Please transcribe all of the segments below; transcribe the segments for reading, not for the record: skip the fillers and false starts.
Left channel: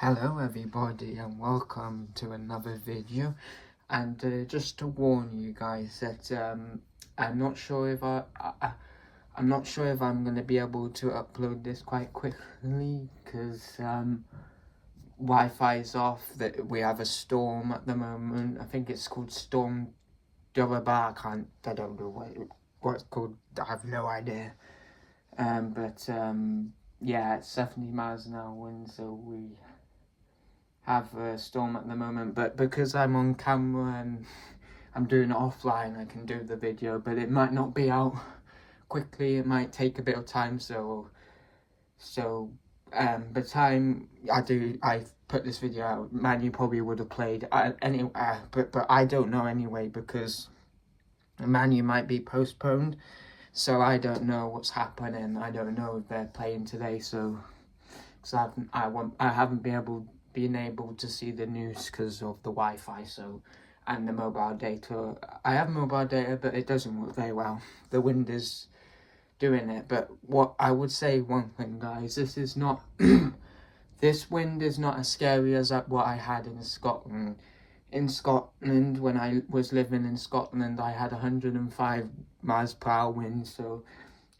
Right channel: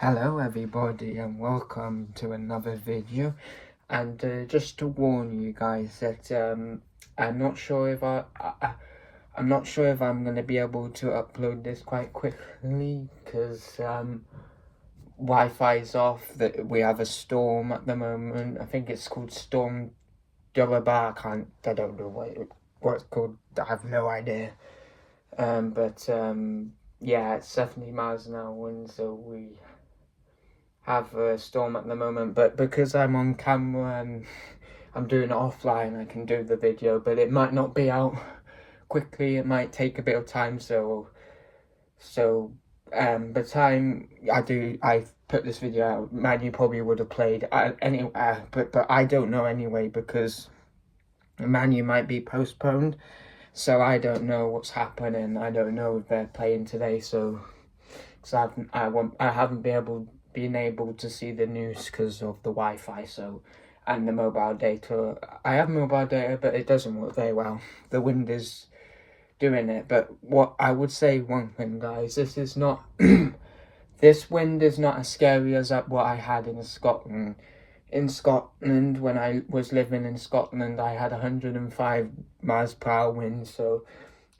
Hello everybody and welcome to another video, and just to warn you guys that I'm not sure if I'm not sure if I'm going to be able to upload this quite quickly because Wi-Fi's off. That we have a storm at the moment. I think it's called Storm Durabar. I don't know what it's called. I have no idea. Yeah, it's 70 miles an hour wind, so we have a storm at the moment, but because I'm on camera and I'm doing it offline, I can do the video, but it might not be out quickly. It might take a bit of time, so the time I put this video out, Man Utd probably would have played anyway, but I don't know anyway, because Man Utd might be postponed, so I don't know what's happening. I don't know if they're playing today, so because I haven't been able to see the news because of the Wi-Fi, so, and the mobile data. I have mobile data, but it doesn't work very well. The wind is doing it. But what I would say, one thing, guys, this is not this wind is not as scary as what I had in Scotland. In Scotland, when I was living in Scotland, I had 105 miles per hour wind, so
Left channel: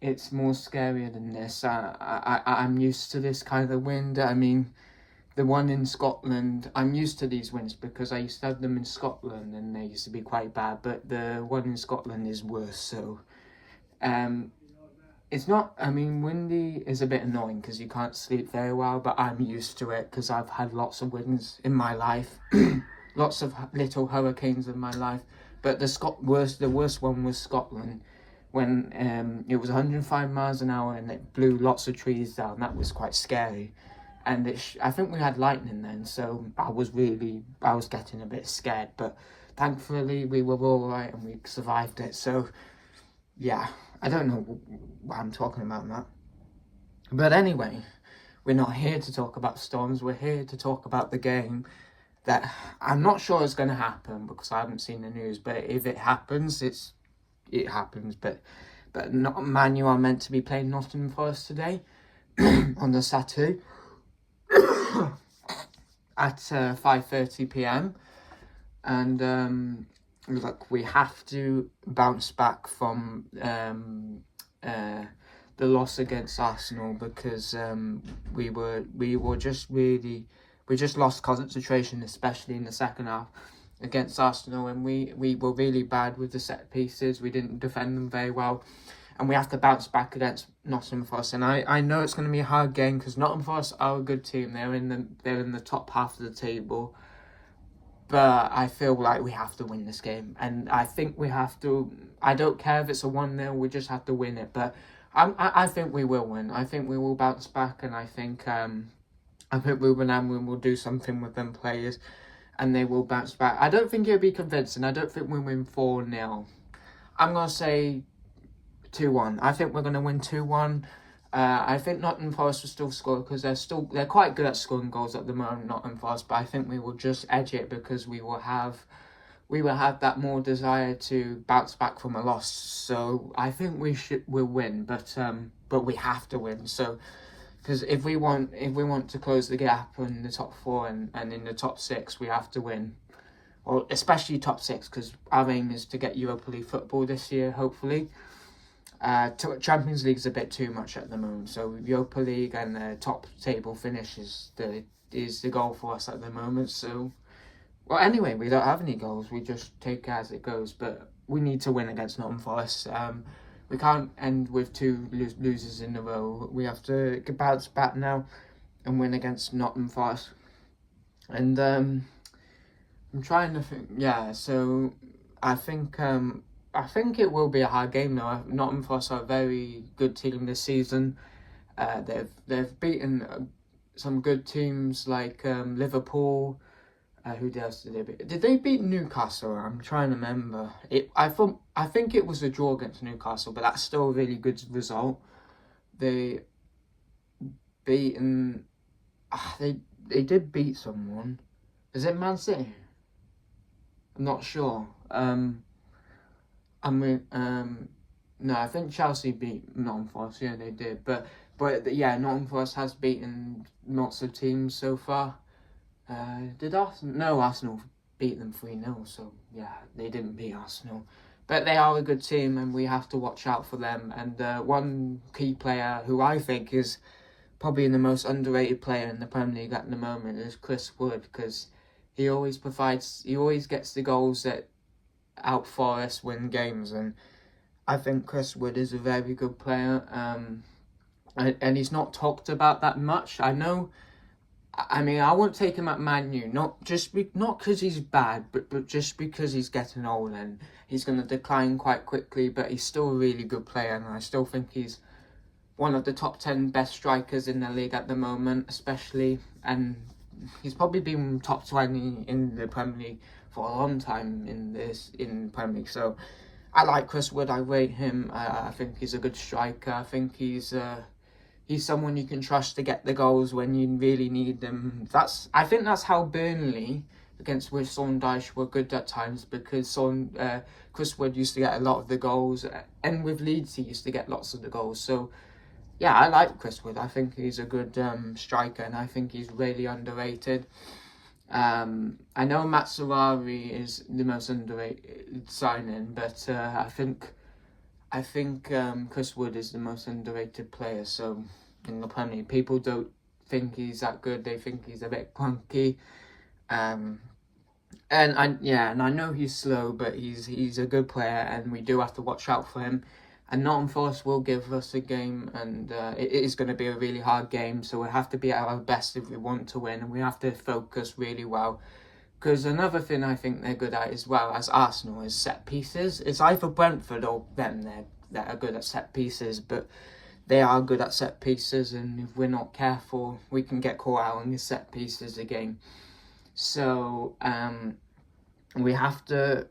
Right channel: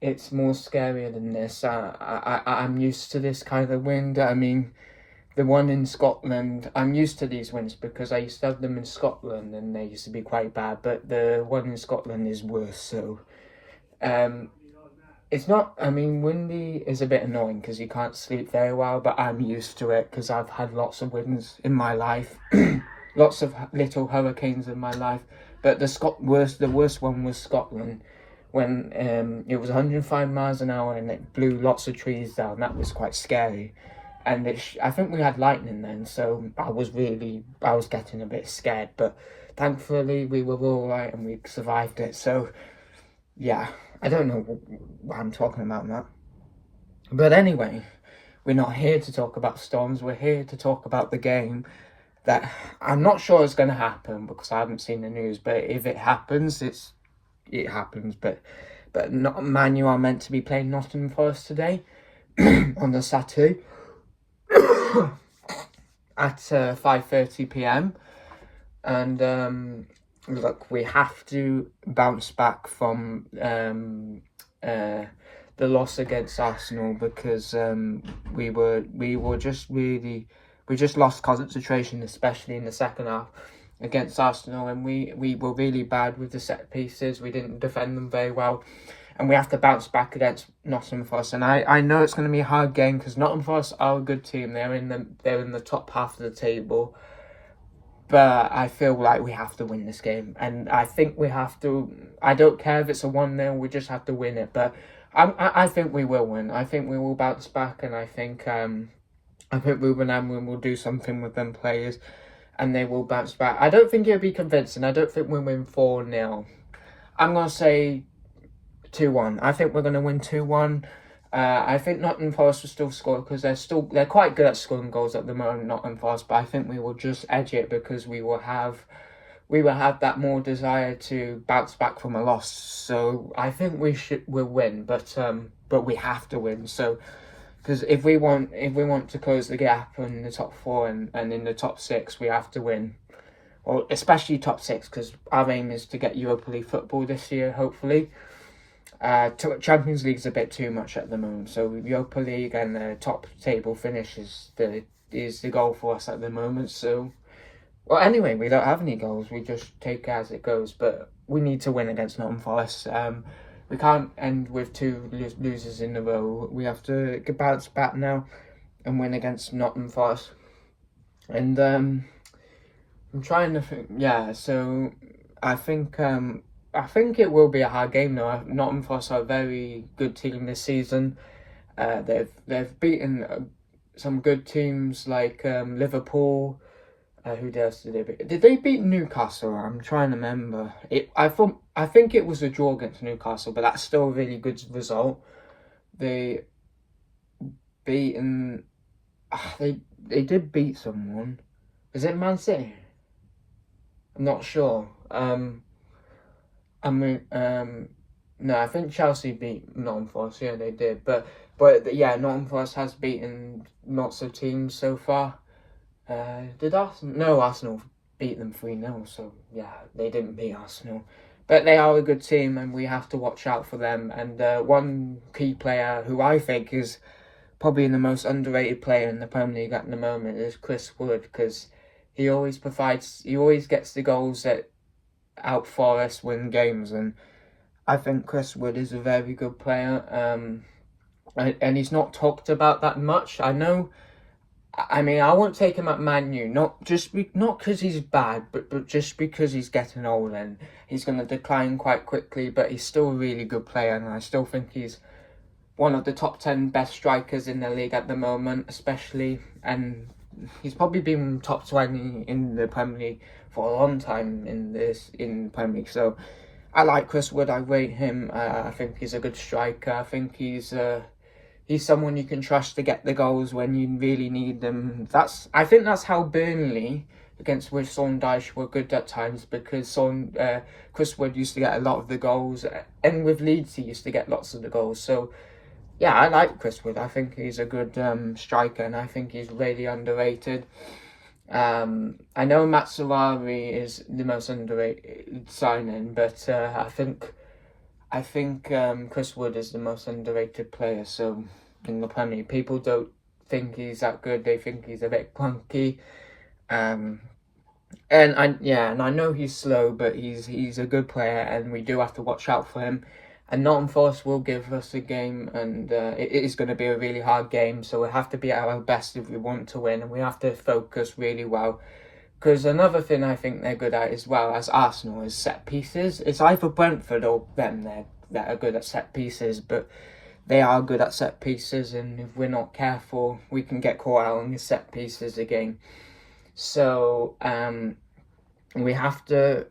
it's more scarier than this. I'm used to this kind of wind. I mean, the one in Scotland, I'm used to these winds because I used to have them in Scotland and they used to be quite bad, but the one in Scotland is worse. So it's not, I mean, windy is a bit annoying because you can't sleep very well, but I'm used to it because I've had lots of winds in my life. Lots of little hurricanes in my life, but the worst one was Scotland, when it was 105 miles an hour and it blew lots of trees down. That was quite scary, and I think we had lightning then, so I was getting a bit scared, but thankfully we were all right and we survived it. So yeah, I don't know what I'm talking about that, but anyway, we're not here to talk about storms. We're here to talk about the game that I'm not sure is going to happen because I haven't seen the news, but if it happens, it happens. But not Man Utd are meant to be playing Nottingham Forest today on the Saturday at 5:30 p.m. and look, we have to bounce back from the loss against Arsenal because we just lost concentration, especially in the second half against Arsenal, and we were really bad with the set pieces. We didn't defend them very well, and we have to bounce back against Nottingham Forest. And I know it's going to be a hard game because Nottingham Forest are a good team. They're in the top half of the table, but I feel like we have to win this game, and I think we have to. I don't care if it's a 1-0. We just have to win it. But I think we will win. I think we will bounce back, and I think Ruben Amorim will do something with them players and they will bounce back. I don't think it'll be convincing. I don't think we'll win 4-0. I'm going to say 2-1. I think we're going to win 2-1. I think Nottingham Forest will still score because they're quite good at scoring goals at the moment, Nottingham Forest, but I think we will just edge it because we will have that more desire to bounce back from a loss. So I think we'll win, but we have to win. So because if we want to close the gap in the top 4 and in the top 6, we have to win, or especially top 6, because our aim is to get Europa League football this year, hopefully. Champions League's a bit too much at the moment, so Europa League and the top table finish is the goal for us at the moment. So, well, anyway, we don't have any goals. We just take it as it goes, but we need to win against Nottingham Forest. We can't end with 2 losers in a row. We have to bounce back now and win against Nottingham Forest. And I'm trying to think. Yeah, so I think it will be a hard game though. Nottingham Forest are a very good team this season. They've beaten some good teams like Liverpool. Who else did they beat? Did they beat Newcastle? I'm trying to remember. I think it was a draw against Newcastle, but that's still a really good result. They beaten. They did beat someone. Is it Man City? I'm not sure. No, I think Chelsea beat Nottingham Forest. Yeah, they did. But yeah, Nottingham Forest has beaten lots of teams so far. Did Arsenal? No, Arsenal beat them 3-0, so yeah, they didn't beat Arsenal. But they are a good team, and we have to watch out for them. And one key player who I think is probably the most underrated player in the Premier League at the moment is Chris Wood, because he always gets the goals that out Forest win games, and I think Chris Wood is a very good player. And he's not talked about that much. I know. I mean, I won't take him at Man U, not because he's bad, but just because he's getting old and he's going to decline quite quickly. But he's still a really good player, and I still think he's one of the top 10 best strikers in the league at the moment, especially. And he's probably been top 20 in the Premier League for a long time in the Premier League. So I like Chris Wood. I rate him. I think he's a good striker. I think he's someone you can trust to get the goals when you really need them. I think that's how Burnley against Sean Dyche were good at times, because Chris Wood used to get a lot of the goals, and with Leeds he used to get lots of the goals. So yeah, I like Chris Wood. I think he's a good striker, and I think he's really underrated. I know Matsurari is the most underrated signing, but I think Chris Wood is the most underrated player. So in the Premier League, people don't think he's that good. They think he's a bit clunky. And I know he's slow, but he's a good player, and we do have to watch out for him. And Nottingham Forest will give us a game, and it is going to be a really hard game. So we have to be at our best if we want to win, and we have to focus really well. Because another thing I think they're good at as well as Arsenal is set pieces. It's either Brentford or them that are good at set pieces, but they are good at set pieces, and if we're not careful, we can get caught out on the set pieces again. So we have to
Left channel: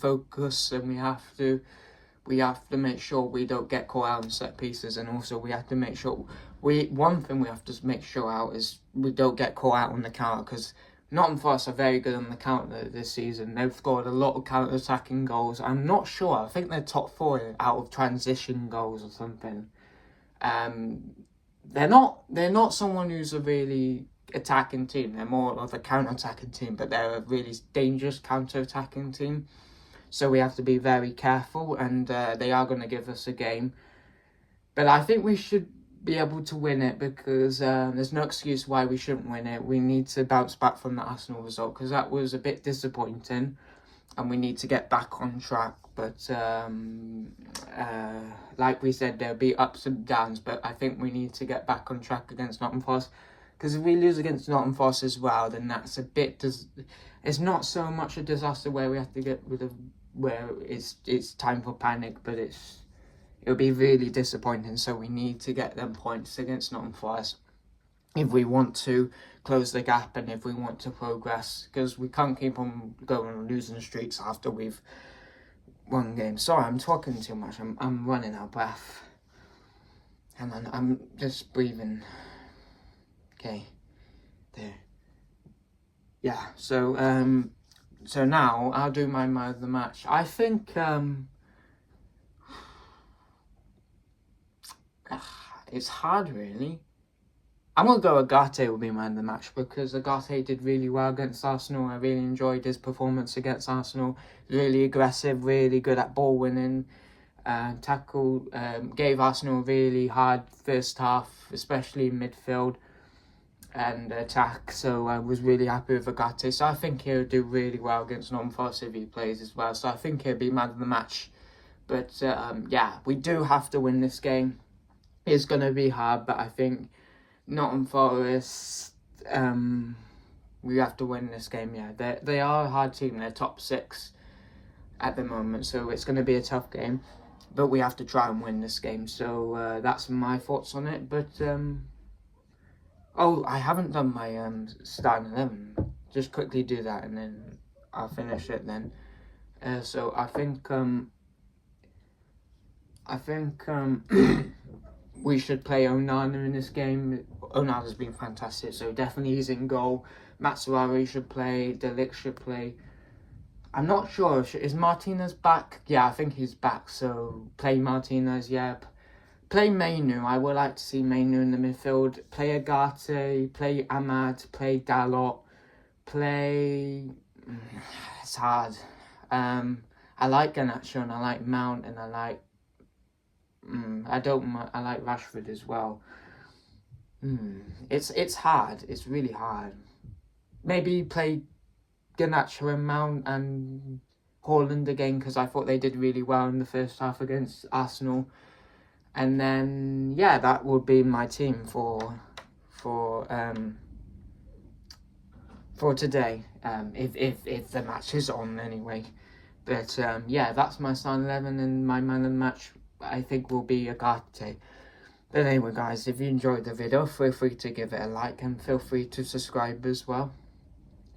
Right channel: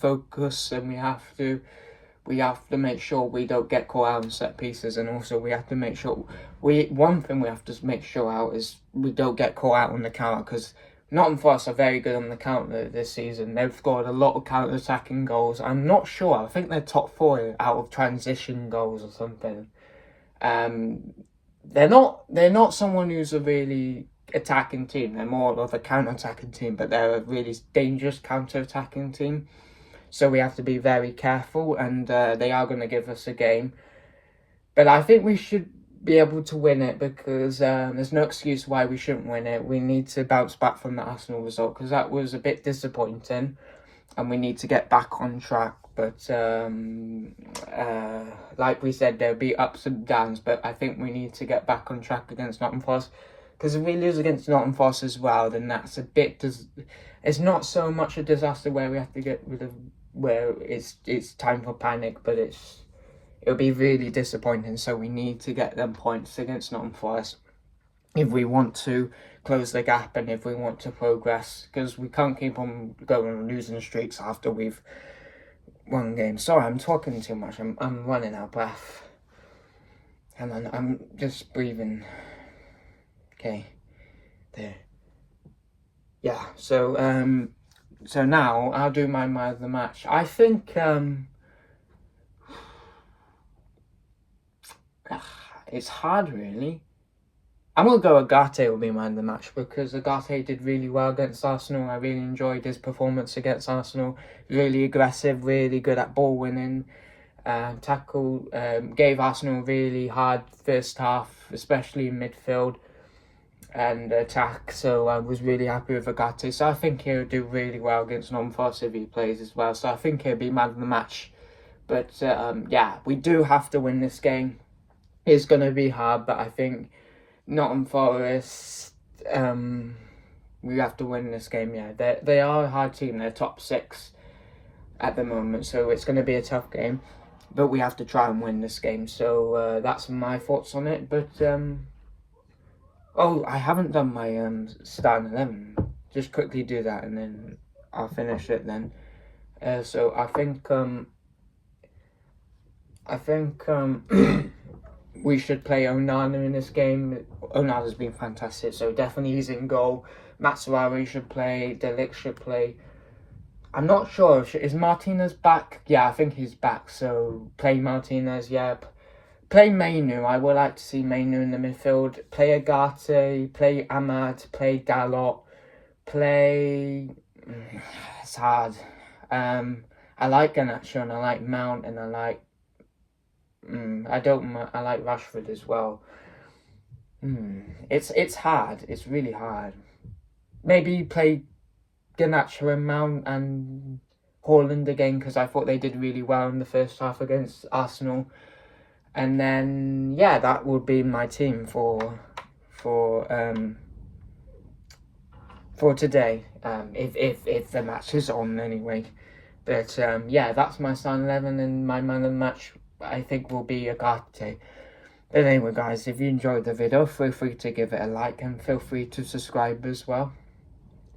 focus, and we have to make sure we don't get caught out on set pieces, and also we have to make sure one thing we have to make sure out is we don't get caught out on the counter, because Nottingham Forest are very good on the counter this season. They've scored a lot of counter-attacking goals. I'm not sure. I think they're top 4 out of transition goals or something. They're not someone who's a really attacking team. They're more of a counter-attacking team, but they're a really dangerous counter-attacking team. So we have to be very careful, and they are going to give us a game. But I think we should be able to win it, because there's no excuse why we shouldn't win it. We need to bounce back from the Arsenal result, because that was a bit disappointing, and we need to get back on track. But like we said, there'll be ups and downs, but I think we need to get back on track against Nottingham Forest, because if we lose against Nottingham Forest as well, then that's a bit... It's not so much a disaster where we have to get rid of... where it's time for panic, but it'll be really disappointing. So we need to get them points against Nottingham Forest if we want to close the gap and if we want to progress, because we can't keep on going on losing streaks after we've won games. Sorry, I'm talking too much. I'm running out of breath, and I'm just breathing. Okay, there. Yeah. So now I'll do my man of the match. I think it's hard, really. I'm going to go Agate will be man of the match, because Agate did really well against Arsenal. I really enjoyed his performance against Arsenal. Really aggressive, really good at ball winning. Tackle, gave Arsenal a really hard first half, especially in midfield and attack. So I was really happy with Agate. So I think he'll do really well against Nottingham Forest if he plays as well. So I think he'll be man of the match. But yeah, we do have to win this game. It's going to be hard, but I think Nottingham Forest, we have to win this game. Yeah, they are a hard team. They're top 6 at the moment, so it's going to be a tough game. But we have to try and win this game. So that's my thoughts on it. But oh, I haven't done my starting 11. Just quickly do that, and then I'll finish it then. So I think we should play Onana in this game. Onana's been fantastic, so definitely he's in goal. Matsurari should play. De Ligt should play. I'm not sure. Is Martinez back? Yeah, I think he's back. So play Martinez, yeah. play Mainu. I would like to see Mainu in the midfield. Play Agate, play Ahmad, play Dalot, play... It's hard. I like Garnacho and I like Mount and I like... I like Rashford as well. It's hard. It's really hard. Maybe play Garnacho and Mount and Haaland again, because I thought they did really well in the first half against Arsenal. And then, yeah, that would be my team for today. If the match is on anyway. But yeah, that's my starting 11, and my man of the match I think will be Agate. But anyway, guys, if you enjoyed the video, feel free to give it a like and feel free to subscribe as well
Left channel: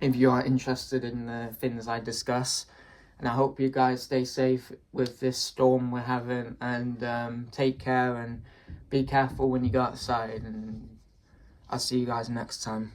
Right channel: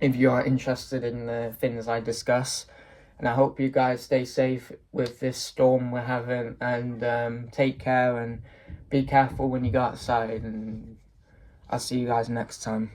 if you are interested in the things I discuss. And I hope you guys stay safe with this storm we're having, and take care and be careful when you go outside, and I'll see you guys next time.